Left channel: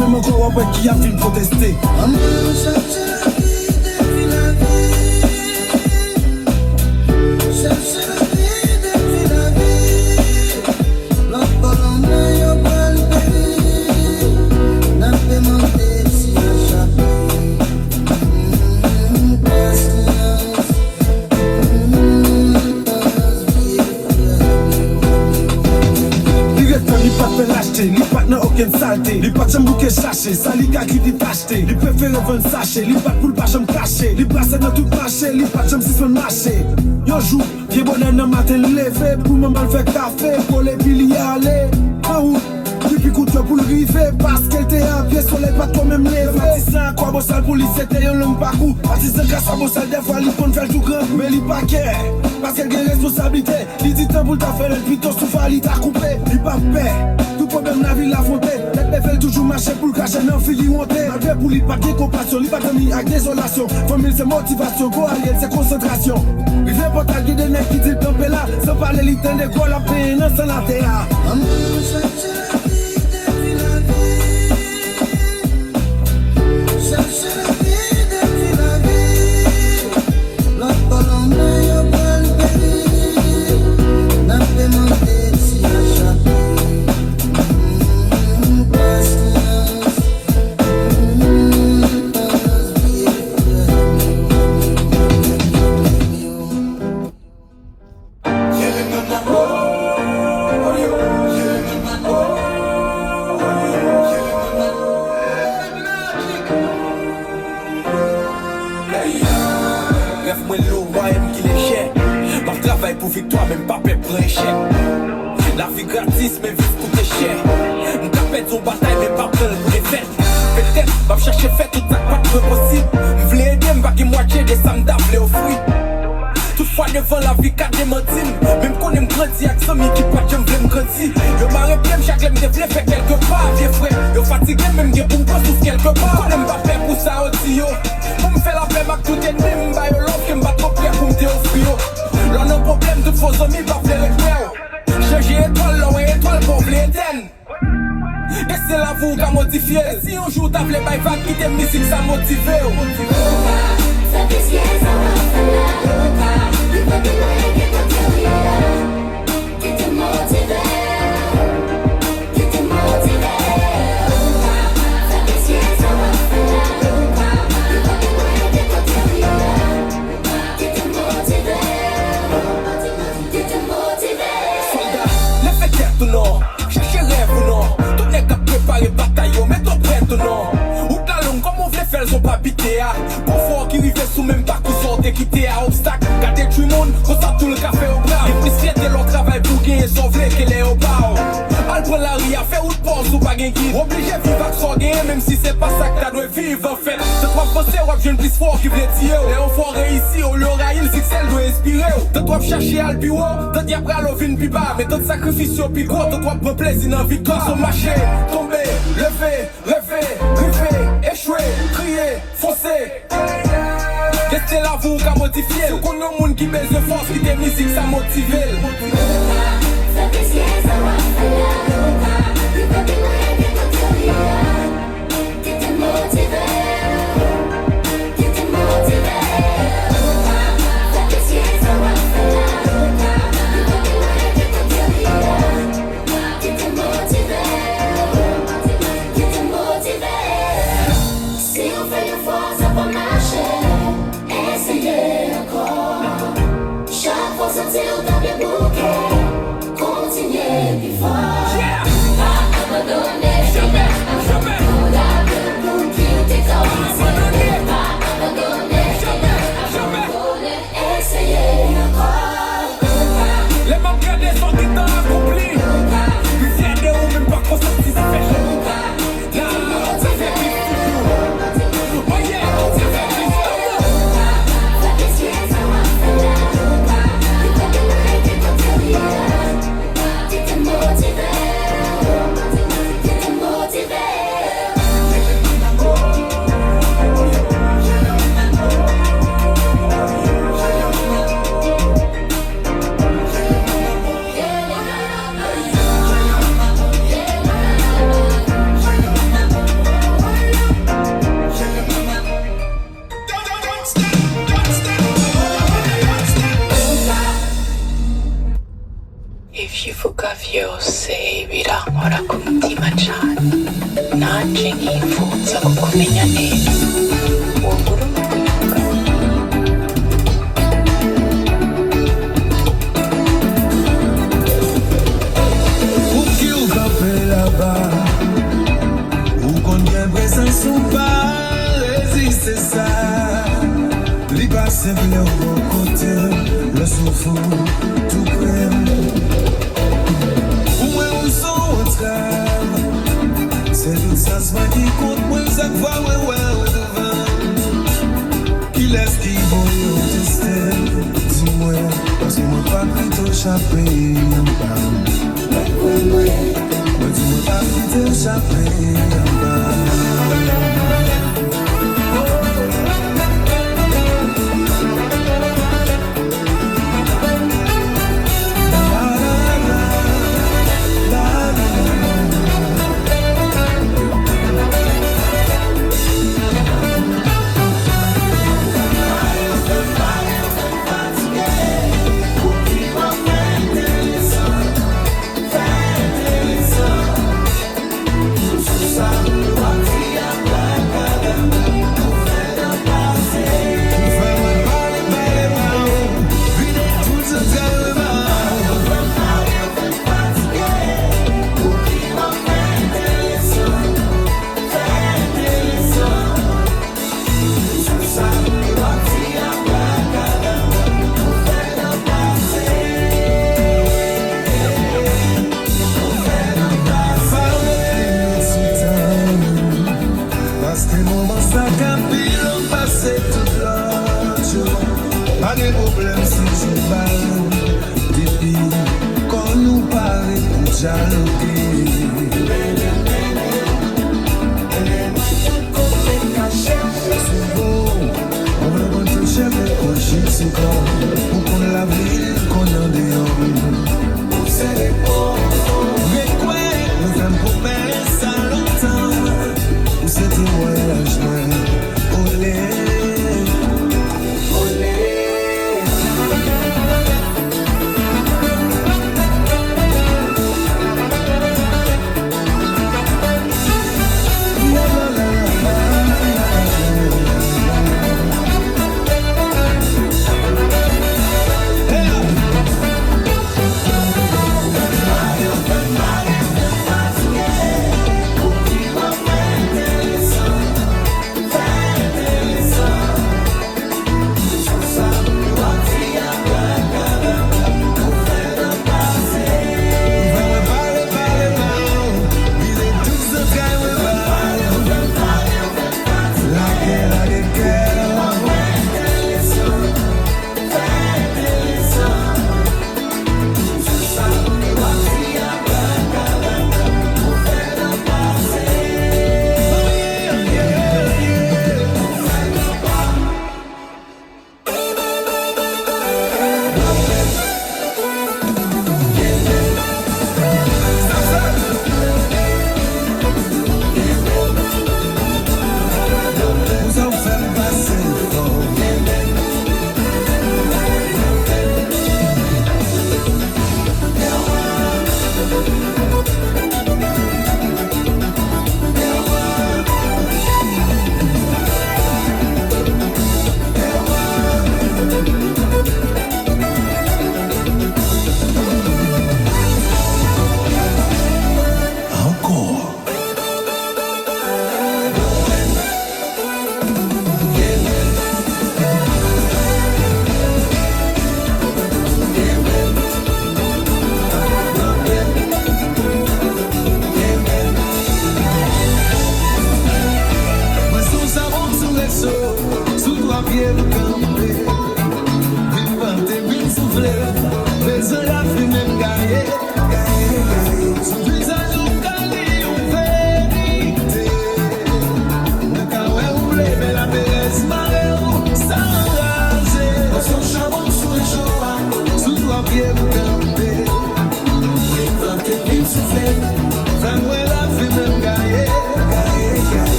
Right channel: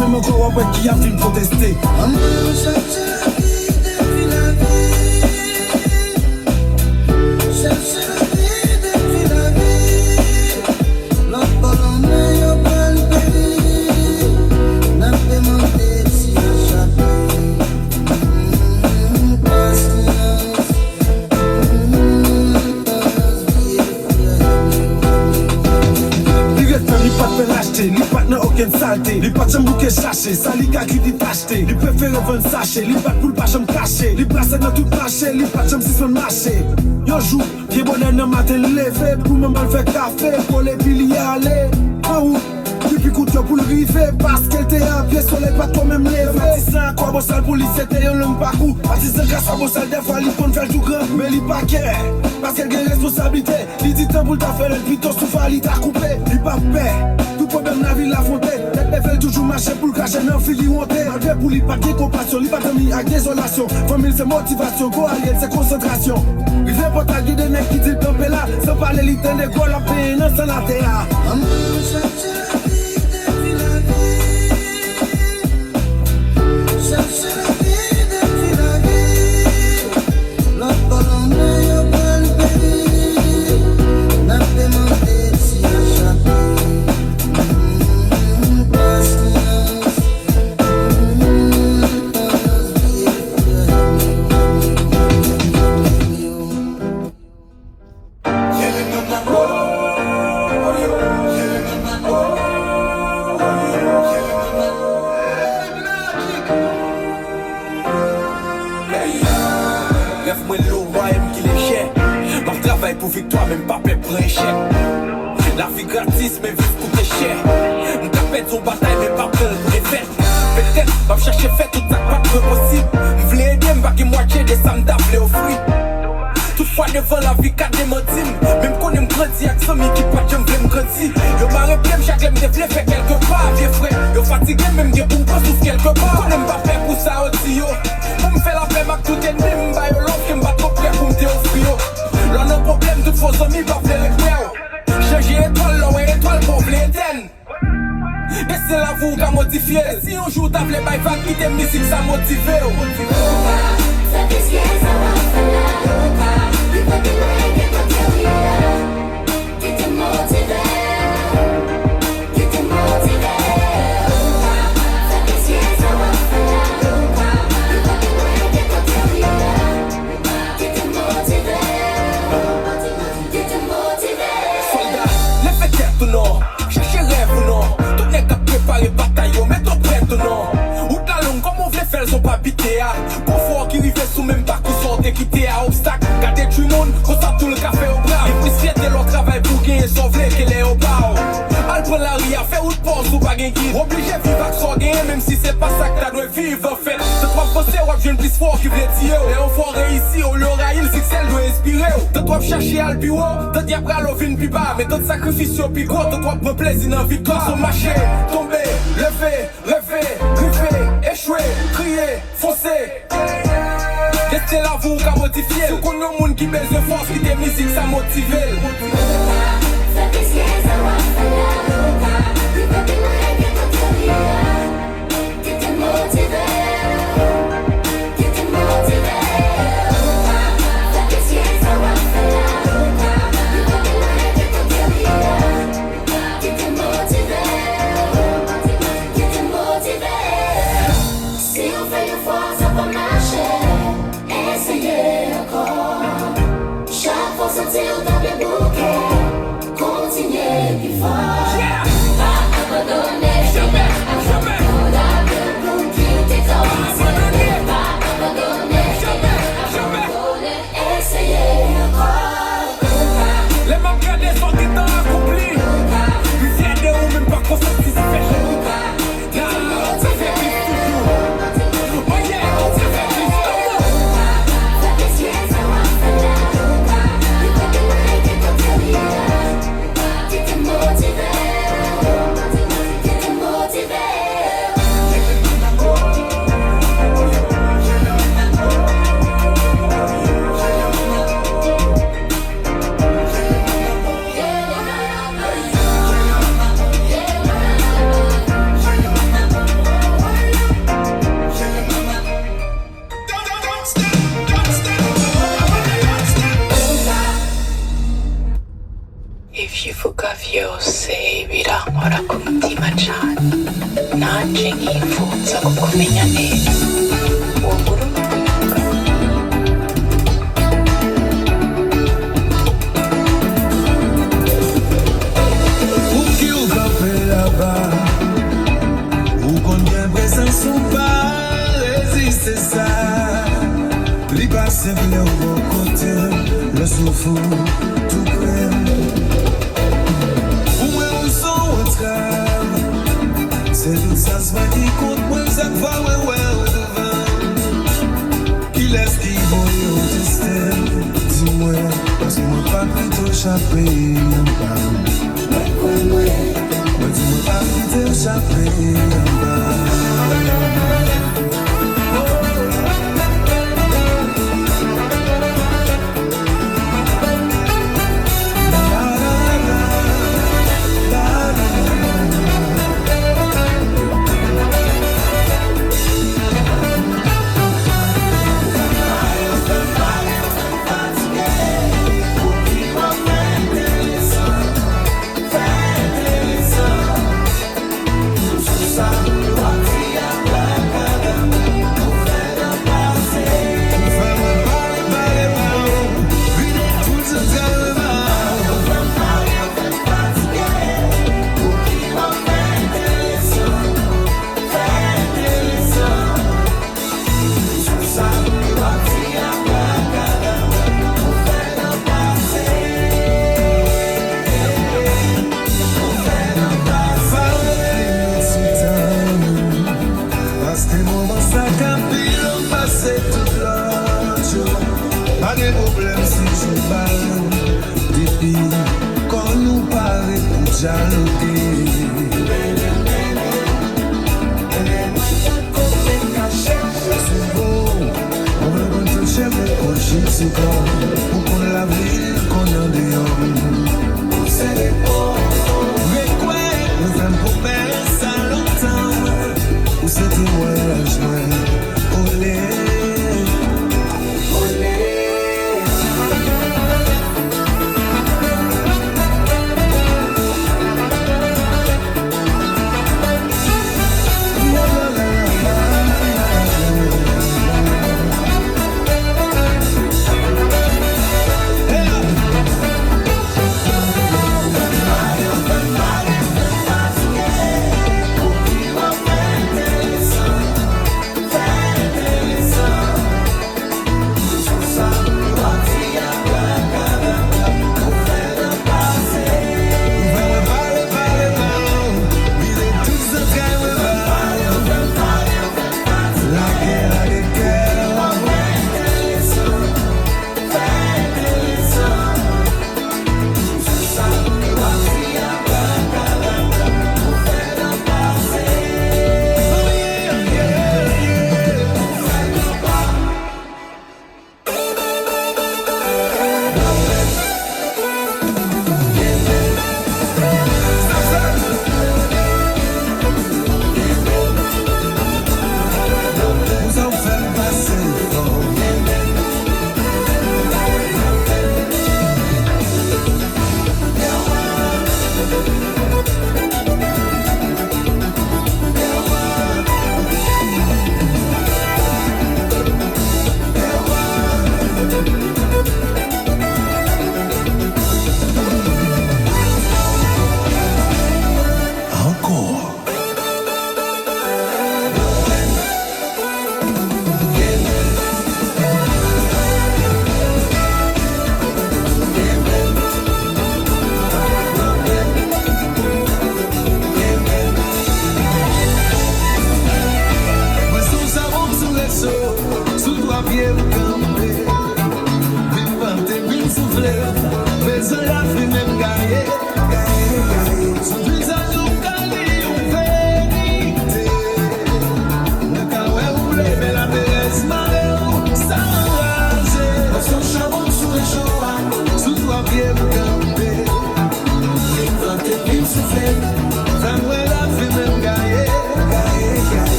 même encore après qui a fini protester. Li pat nan aucun saleté, li pat jam bouke chaché, sa li ka ki di tacheté, li préfère vendre sachet, li pat pou l pa jam caché, li place nan tout marché, li pat jam si son marché. Yon jou, vie bonne nan matin levé, pou maman fait café, pour les pili aller. Oh, depuis coup de pour le river, parce qu'elle était à pied, soleil pas toi même levé. C'est ça, quoi, bon sale police, c'était un long parcours. Parce que c'est grâce à bon sale, des fois, il compte faire tout grand, mais il pas qu'elle, parce qu'elle a responsabilité. Il dit tant pour ta faire, le plutôt souffle, il t'a coupé, il pas paix. Problème la ville affronté, les fait toujours marcher pour le cacher, mais en fili monté. Enlevé pour lui pas de compassion, lui pas de mis à désolation. Famille c'est motivation, go allié c'est concentration. Il est pas ta guide des mecs qui dit camper là, sans parler l'état des quoi la peine, sans la terre. La vie gratis, mais vite coûte cher. On capette son bataille, mais pas plein de effet. Peut-être, va me chercher fait tout ça, pas possible. M'v'lais aider, m'baguer moitié des sommes d'appeler au fruit. Toutefois, devant la vie, cadre des motives. Même qu'on aime grandir, avec son qui peut j'aime grandir. Yo marre bien, chaque l'aime développer fait quelque part, vieux frère. Yo fatigué, même des bouts, pas souffre quelque part. Qu'on aime pas faire pour ça aussi, yo. On me fait la paix, ma tout est même, bah yo, l'homme qui m'bat trop clair pour m'te offrir. L'on a un problème, toutes vos amis, va faire les clés. Changer étoile, là, ouais, étoile pour l'éternel. Et c'est la vous qui a modifié. Si un jour t'as fait va quitter musique, ça motive. Ça décide, ça va faire. Il faut que tu qui te motive. Qui te motive. Ça décide, ça va faire. Il faut que tu qui te motive. Qui te motive. Les fêtes tout non, cherchez rêve ou non. Tout n'est qu'à préparer bataillon, mais tout prêt ou non. Ou ta langue, comme on veut faire, ils ont pas piqué à. Confort qui vivait sous même pas qu'on sortait quitter à obstacle. Gardez tout le monde, qu'on tape tout le café au bras. Et puis c'est de leur travail pour gagner, sauver qu'elle est au bar. Al prend la ria, faire une pause ou pas gagner. Obligé de vivre à trop gagner, même si c'est pas ça que t'as dû vivre en fait. C'est trop français, ou j'ai une plus fort qui voulait dire. Les enfants réussis, on leur a il, c'est que celle doit inspirer. T'as trop cherché à le bureau, t'as dit après à l'offre une plus bas. Mais d'autres sacrifices au plus gros, t'as trop de plaisir dans la victoire. Sur marché, tomber, lever, rêver, griffer, échouer, crier, foncer. Restez là, vous, qu'à modifier. C'est qu'on a un monde qui met de force, qui t'aime musique, ça motive. Ça décide, ça va faire. Il faut que qui te motive. Qui te motive. Ça décide, ça va faire. Il faut que qui te motive. Qui te motive. Si on fait une fois, ça va marcher. Essayez encore. Chaque fois, sentir dans les bouquets. Continuez, il faut.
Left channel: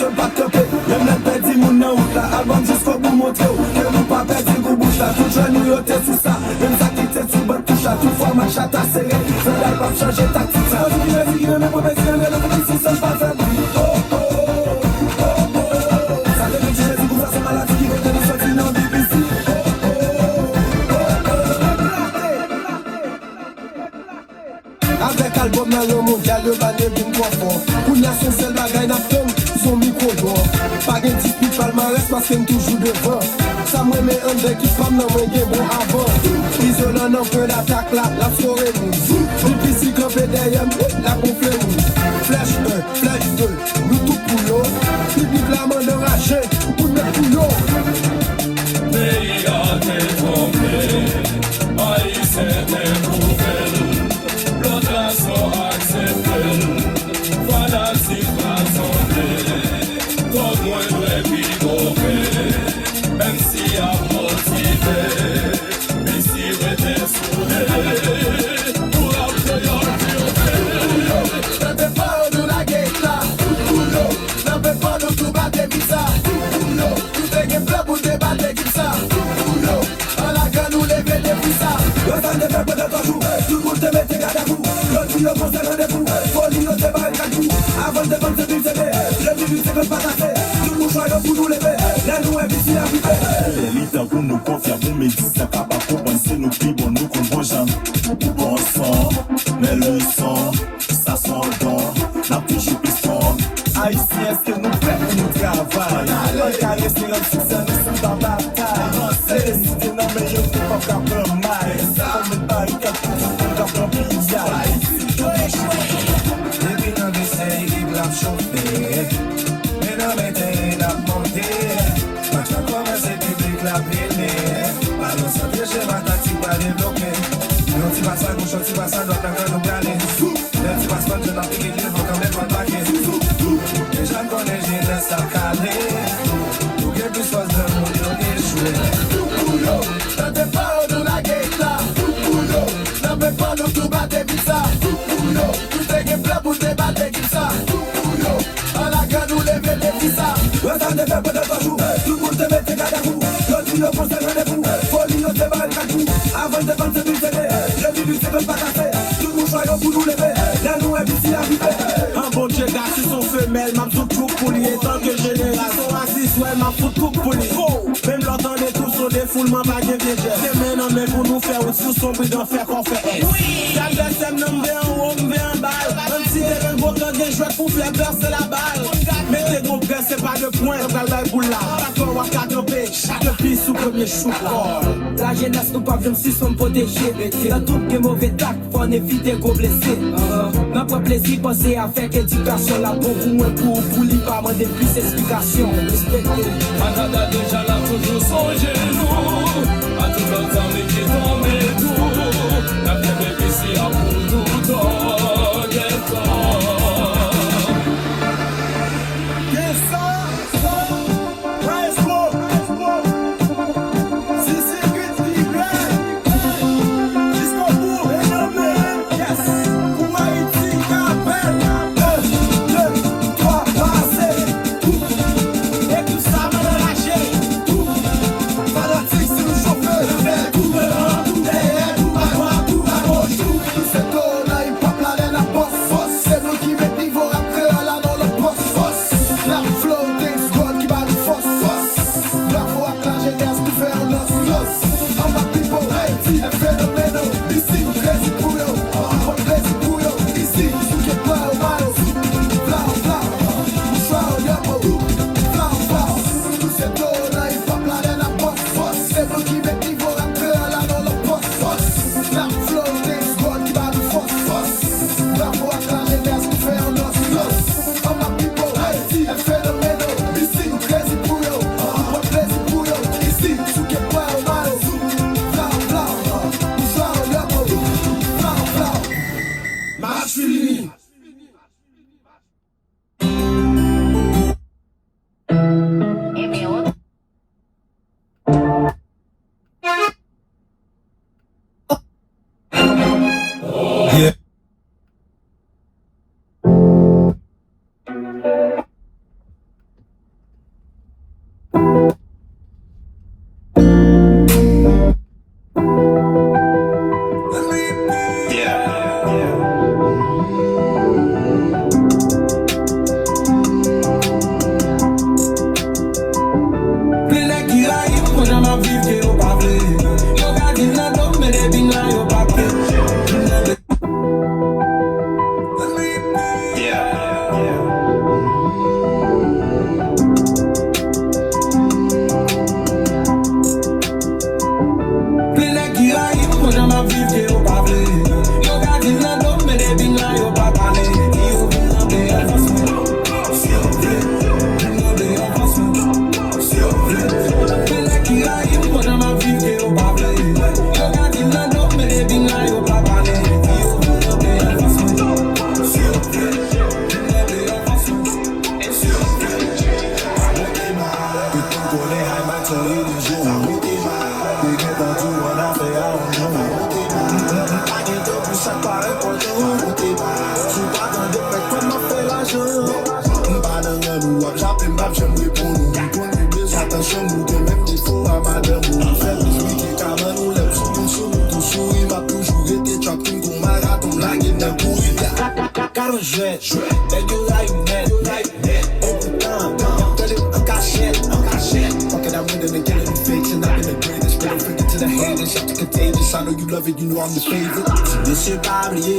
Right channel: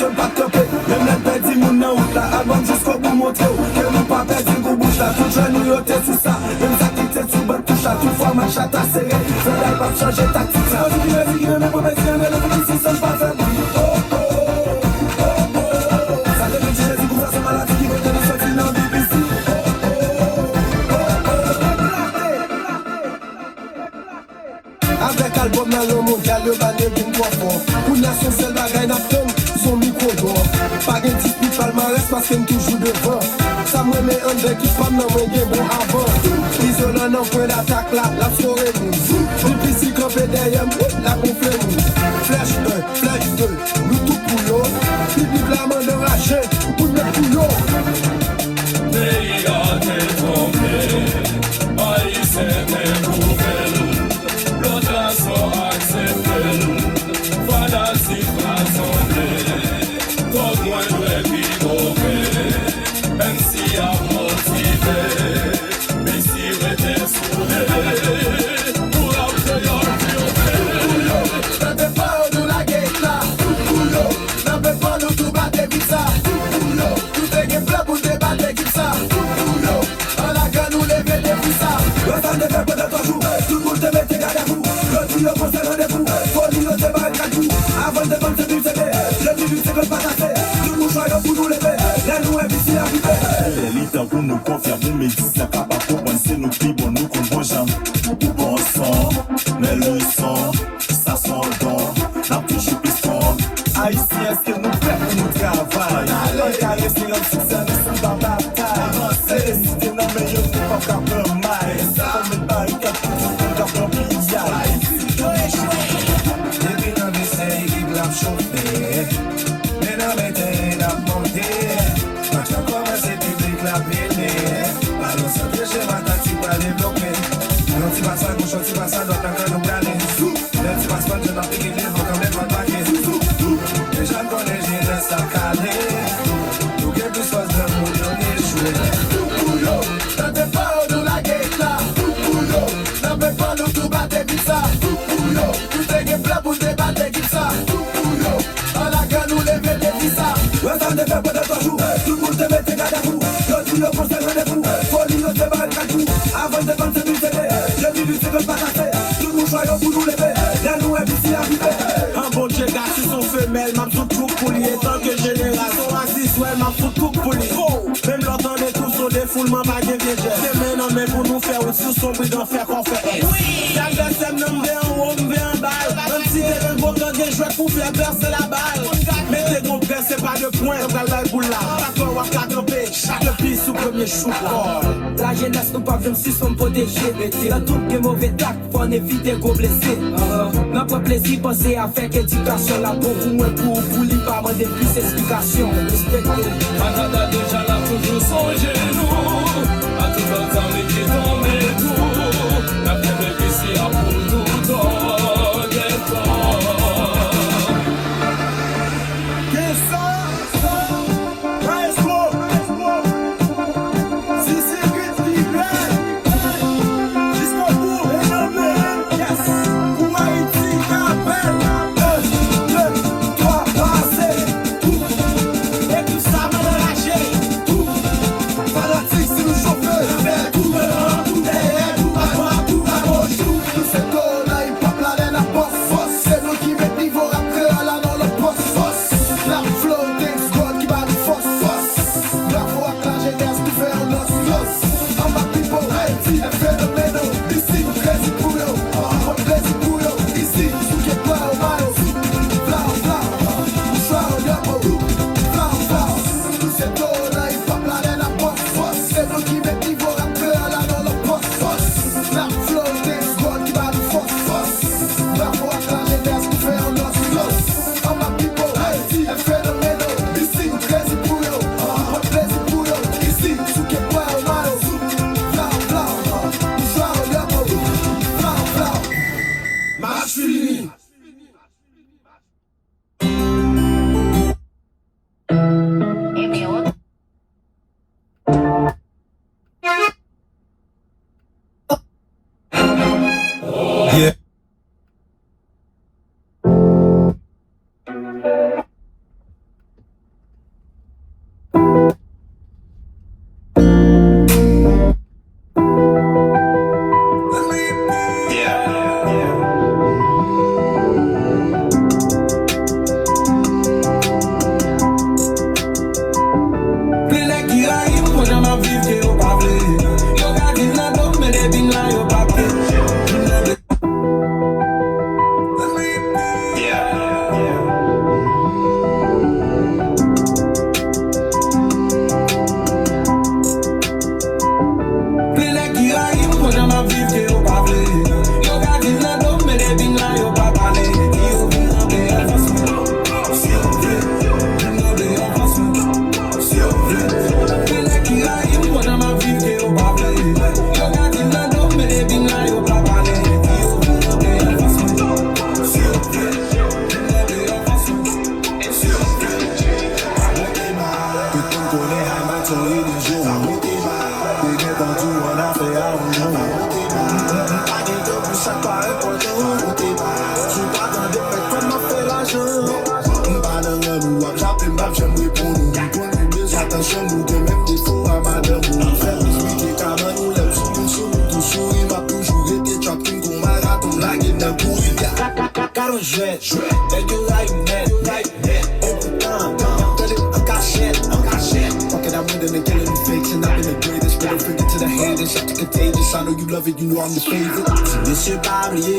j'aime pas te camper. Même les petits moun nan route là, avant jusqu'au bout montrer que nous pas perdre le bouche là. Tout jeune nous yoté sous ça, même ça qui t'est sur bonne touche là. Tout fois ma chatte à serrer, fais la pas changer tactique ça. Mais professionnel, le policier ça pas faire. Ça devient du Jésus pour voir ces maladies qui vont te sortir dans le BBC. Avec album dans le monde, y'a le banner d'une voix fort. Pour la son seul bagaille n'a pas son micro d'or. Pas de dispute palmarès parce qu'elle toujours devant. Ça me met un deck qui femme dans mon game bon avant. Isolant en feu d'attaque là, la soirée nous. Depuis si campé derrière nous, la gonflée nous. Flèche 1, flèche 2, nous tout pour l'eau. Public la main de rachet, pour notre boulot. Pays a été tombé, pays s'est découvert. Voilà si pas tombé, tout loin de l'épigover, même si à motiver, mais si j'étais soudé, pour l'obtenir plus t'as des paroles de la guerre là, t'as des paroles de battre visa, tout est game plan pour débattre qui ça, dans la gueule nous les veillons pour ça, le temps de faire pendant 3 jours, tout le monde te met tes gardes à vous, le tuyau pour se rendez-vous, faut dire te barrer à tout, avant de vendre du CD, le minute c'est pas casser, tout le monde joyeux pour nous lever, les nous ici arrivés. Les leaders pour nous confirmer, mais dis ça capable pour penser nos clips, bon nous comprend jamais. Bon sang, mais le sang, ça sent bon, la touche piston. Haïtien, c'est nous fait pour nous travailler. Alors, caresser un succès, nous sommes dans la bataille. Avancer, décider, non, mais je ne peux pas faire de mal. Ça, on n'est pas une carte pour faire dans le pillage. Depuis dans des séries qui blanc chauffé, mais dans les terrains la montée, quand tu as commencé public la brûlé, par le centre chez ma tactique pas développée. Non, tu vas ça, nous sommes, tu vas ça, donc quand nous galons, là tu vas ça, je t'applique les gens, quand même pas de baguette. Les gens connaissent, j'ai laissé ça caler, tout quelque chose de nous, on est joué. T'as des paroles de la guerre là, n'en fais pas le tout battre et ça. Tout est game plan pour débattre qui ça. Dans la gueule nous les veillons qui ça. Ouais, ça ne fait pas de 3 jours, tout le monde te met tes gardes à vous. Le tuyau pour se rendez-vous, faut dire te barrer à tout. Avant de vendre du CD, le minute c'est pas casser. Tout le monde joyeux pour nous lever, les nous ici arrivés. Un bon Dieu gars qui sont femelles, m'a tout coupe pour lui, tant que général. Son raciste, ouais, m'a tout coupe pour lui. Même l'entendez tous sur des foulements, pas de vieux. C'est maintenant, mais pour nous faire aussi sombre d'en faire qu'on fait. Chaque personne nous vient, on vient en balle. Comme si les gens vont dans des choix pour faire percer la balle. Mais les comprennent, c'est pas le point, t'as le boule là. Pas qu'on va camper, chaque piste sous premier chou. La jeunesse nous pas comme si sommes protégés. Dans tout les mauvais tacs, faut en éviter gros blessés. Notre plaisir, penser à faire éducation là pour vous, lui pas demander plus d'explications. Respectez. Canada déjà là toujours songez nous, à tout le temps les pieds tombés nous, la tête ici à pour nous donner fort. Yes, sir. Right, slow. Si c'est vite, il plaît. Jusqu'au bout, et non, mais, yes. Pour Haïti, appel. 1, 2, 3, passez. Et tout ça m'a relâché. Fanatique, c'est le chauffeur. Tout le monde, tout derrière, tout à droite, tout à gauche, tout. C'est tout, là, il pop la laine à poste. C'est nous qui met niveau après, là, dans le poste. La flow, des squads qui bat du force. La voix, la jeunesse qui fait un los. I'm a people, Haïti, un phénoménal. Ici, plaisir pour nous. On plaisir pour nous. Ici, qui est pas au maillot. Blau, blau. Soir au diable. Blau, blau. C'est tout, là, il pop la laine à poste. C'est nous qui met niveau après, là, dans le poste. La flow, des squads qui bat du force. La voix, la jeunesse qui fait un los. I'm a people, Haïti, un phénoménal. Ici, plaisir pour nous. On plaisir pour nous. Ici, qui est pas au maillot. Blau, blau. Soir au diable. Blau, blau. Match fini. Yeah. Beg you right now. Open up, en cachette. Fuck it, I'm with them and killing the fiction. I've been the greatest, really forget to the haters. Shut the contagious, I know you love it, you know I'm your favorite. This shit pas oublié,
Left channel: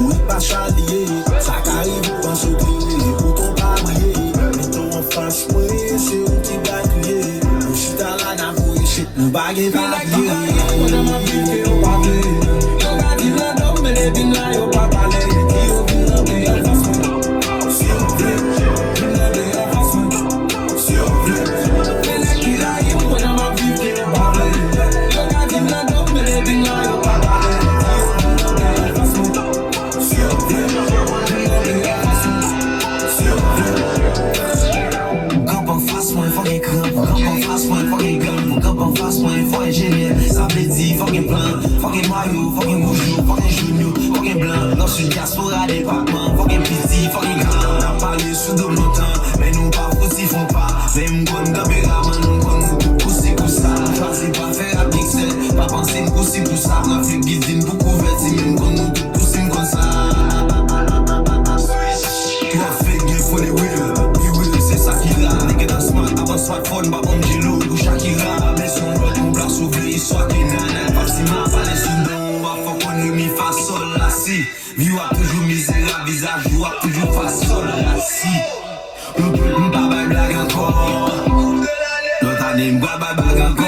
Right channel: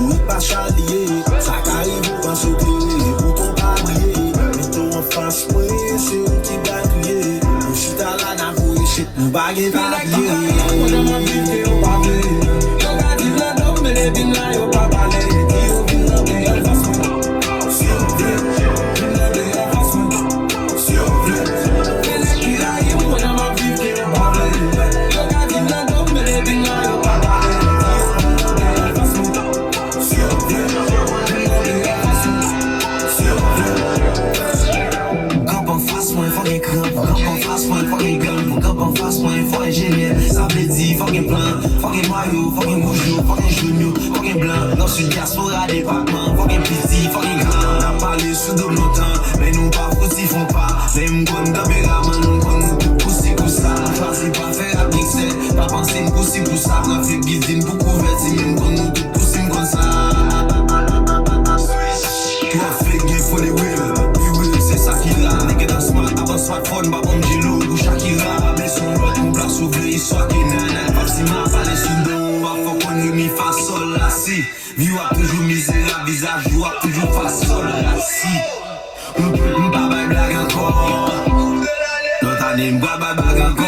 oui pas chalier. Ça arrive quand je brille, pour ton palier. Plutôt en face, oui, c'est où tu vas crier. Je suis dans la navouille, shit, nous baguer fucking Mario, fucking Moujou, fucking Junior, fucking Blanc. Dans ce diaspora des Pac-Man, fucking PC, fucking Grand. On a parlé sous de longtemps, mais nous pas aussi font pas. C'est une bonne caméraman, on connaît tout pousser pour ça. On choisit pas faire un pixel, pas penser une pousser pour ça. On fait guidine pour couvrir, c'est même qu'on nous tout pousser comme ça. Toi, fait gay for the will, oui, c'est ça qui l'a. Nigga dans ce mode, avant smartphone, bah on dit l'eau, ou Shakira. Mais son rôle, on place sauver, histoire qui n'a pas si mal. Mi fa sol la si. View a toujours misérable, visage you a toujours fa sol la si. M'pa bay blague encore. L'autre année m'pa bay blague encore.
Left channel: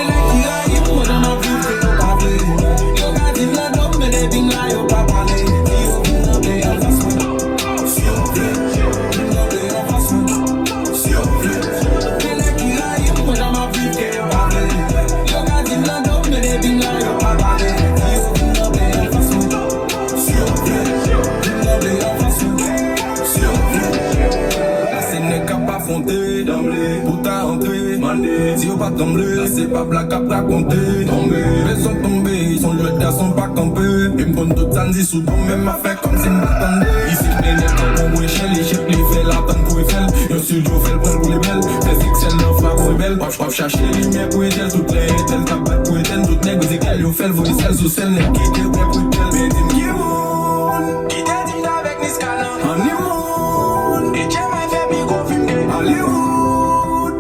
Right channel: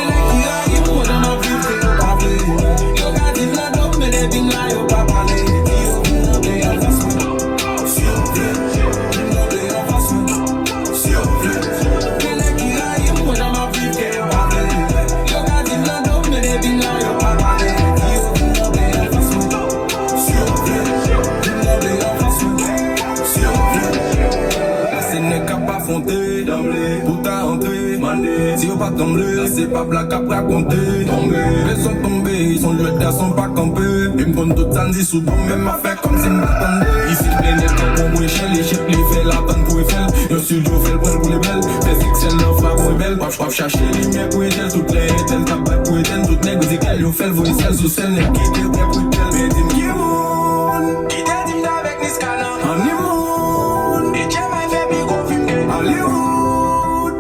C'est pas blague à raconter, ils sont tombés, ils sont jetés, ils sont pas campés. Ils me prennent tout ça, ils souvent même à faire comme si ils m'attendaient. Ici, les nègres comme mon échelle, les chefs, les faits, la tonne pour les faire. Yo, studio fait le bon pour les belles, les fictions, l'offre là pour les belles. Pop, cherche les lumières pour les gels, toutes les ételles, cap pour les ételles, toutes les musicales. Yo, fait le vol, celles sous celles, les qui étaient prêts pour les belles. Mais dis-moi, qui est mon, qui t'est avec les scalons, honeymoon, et qui m'a fait big up, film, Hollywood.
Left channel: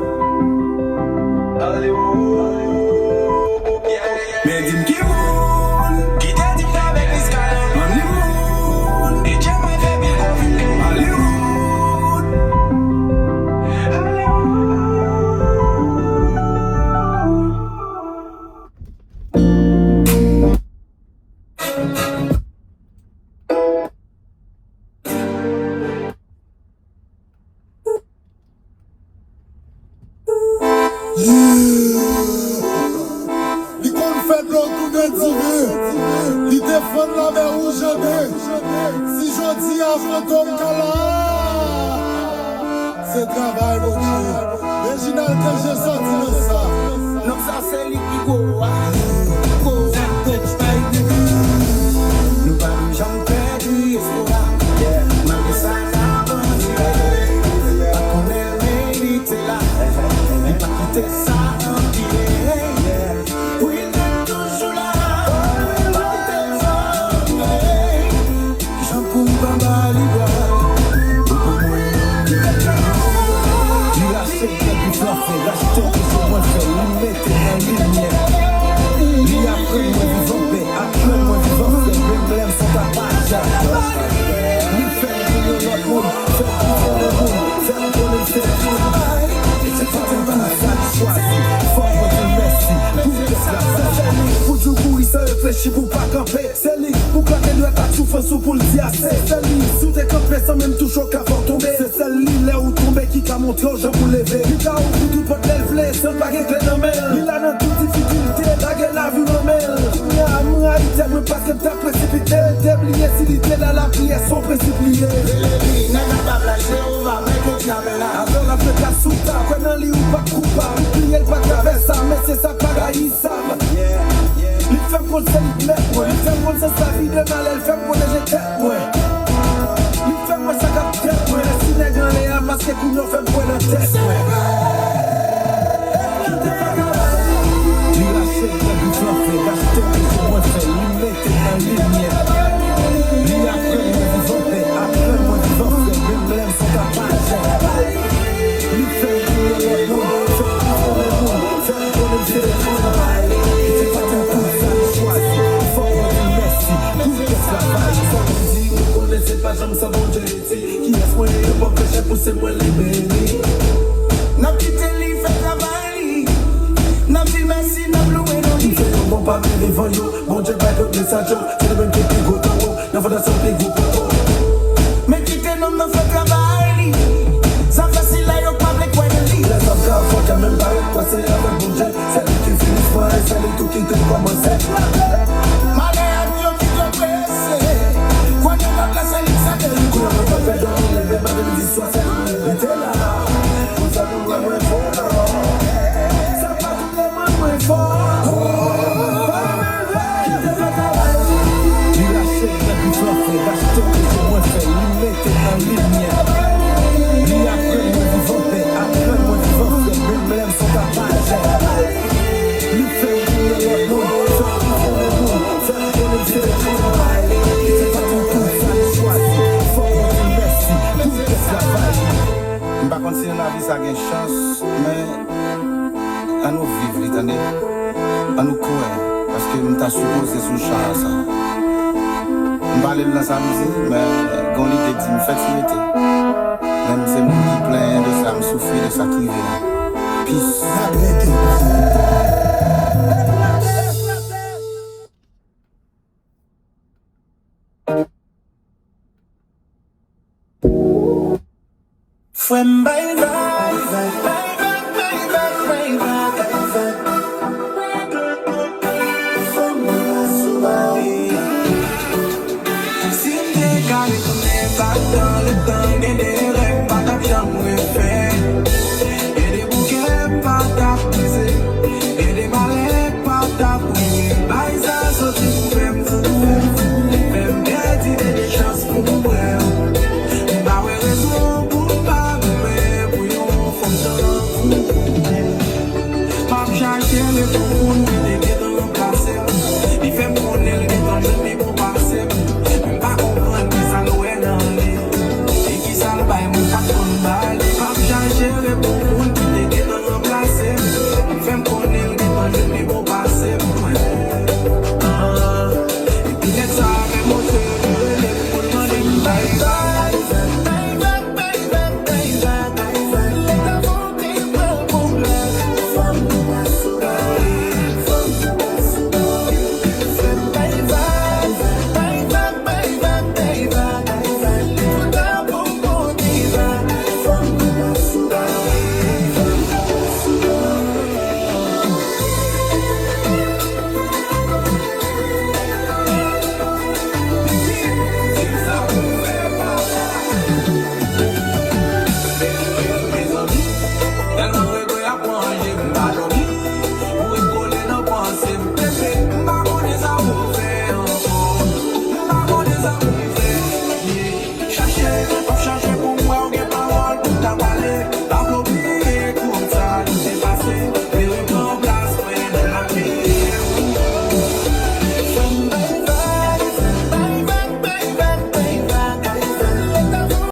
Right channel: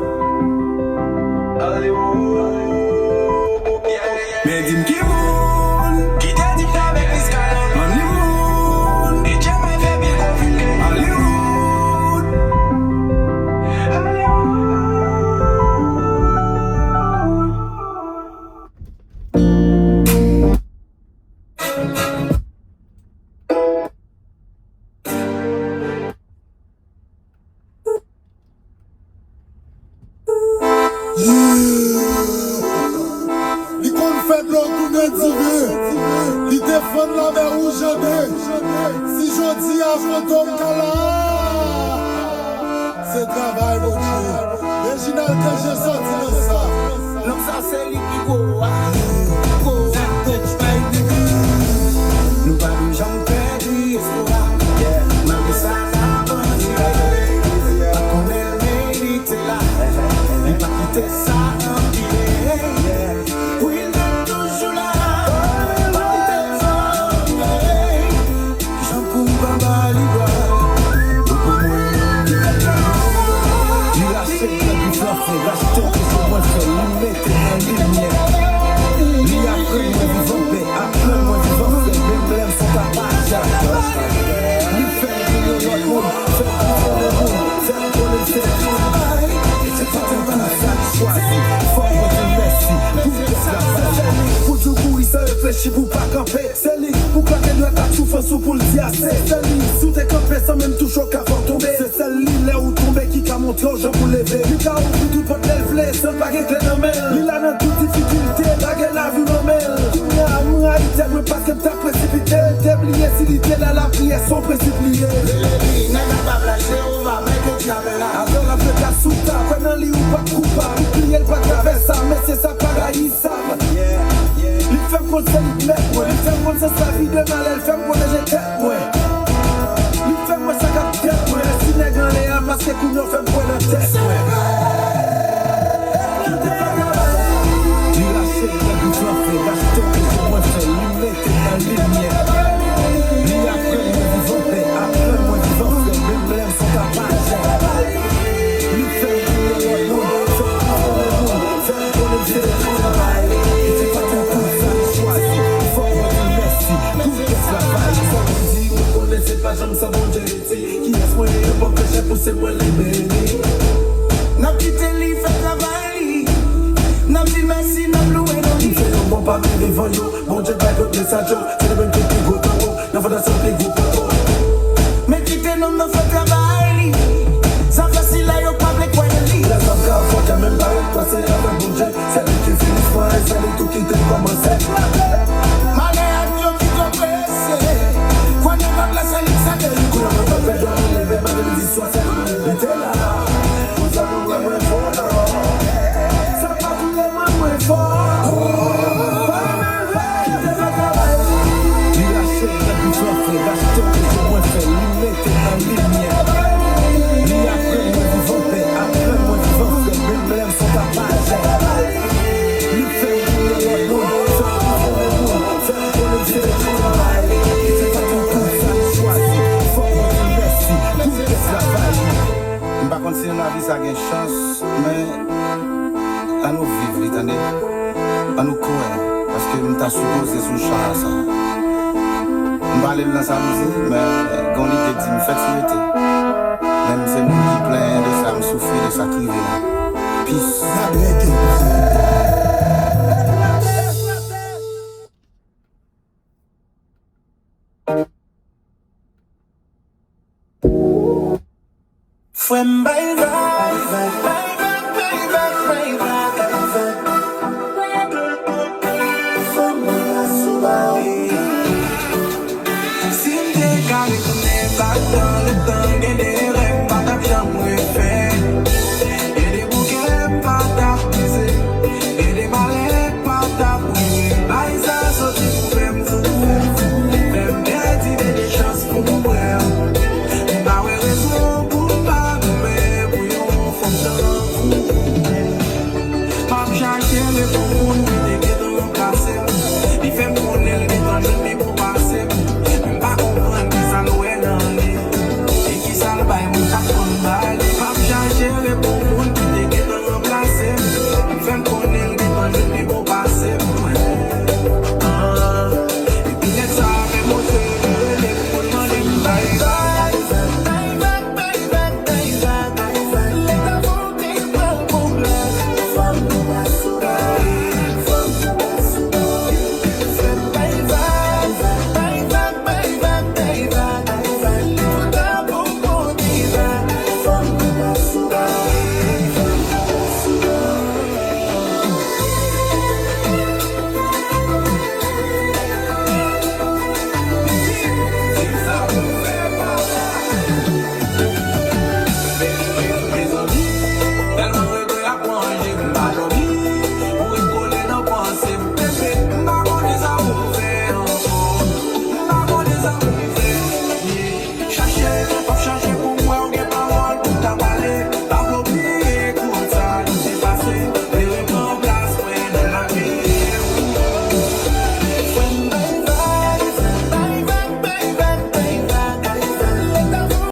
Mais dis-moi qui moune, qui t'a dit avec les scalons, Hollywood, et qui m'a fait bien Hollywood. C'est travail, mon Dieu. Original que j'ai sorti dans ça. L'homme, ça, c'est lui qui go. Nous parlons jamais perdu, malgré ça, pas qu'on est mérité là. Et pas quitter ça. Oui, il est toujours là. J'en cours pas mal, vous pas camper, c'est lui, vous carrez la carte souffrance pour le dire, c'est lui, sous tes campés sans même toujours qu'avant tomber, c'est celle-là là où tomber qui t'a montré l'argent pour lever, il t'a ouvert tout pot d'elflé, sans baguette clé dans mer, il a dans toute difficulté, baguette la vue dans mer, il y a amour à il t'aime pas que t'as précipité, t'es oublié si il était là, la prière sont précipitées, il n'a pas lâché, on va mettre le câble là, avant la fête à souta, pendant les ou pas coupable, il pliait le pas de ça, mais c'est ça pareil, ça. Il fait pour le salut, ouais. Il fait pour sa vie de mal, elle fait pour les étapes, ouais. Il fait pour sa tête, ouais. Si les gars les amasses, les coups fait pour la tête, ouais. Il a fait pour du forfait, gasté, pour moi, c'est l'humain, t'es dans la lumière. Il a fait, moi, du forfait, après, moi, du forfait, fè travay li. Sa fasil la yo pa ple kwen li. La zan ka fò ka men pa yo kwa se la fè bouje. Se li ki finis fò e se li tou ki te komanse. Male am yo ki te prese. Kwa men la plase li se te. Kou la mou pa pe yo leve ma de li ziswa se li te la. Ou sa kou le mwen fò nan. Sa pa kou le mwen fò. Si la vie ça a une chance, mais à nous vivre, l'éternel, à nous courir, parce que nous t'avons supposé sous champ à ça. Nous va aller dans sa musique, mais comme il dit, nous fait s'arrêter. Même si nous qui plein de ça, nous souffrir de ça privé. Peace. Fue bye bye, bye bye.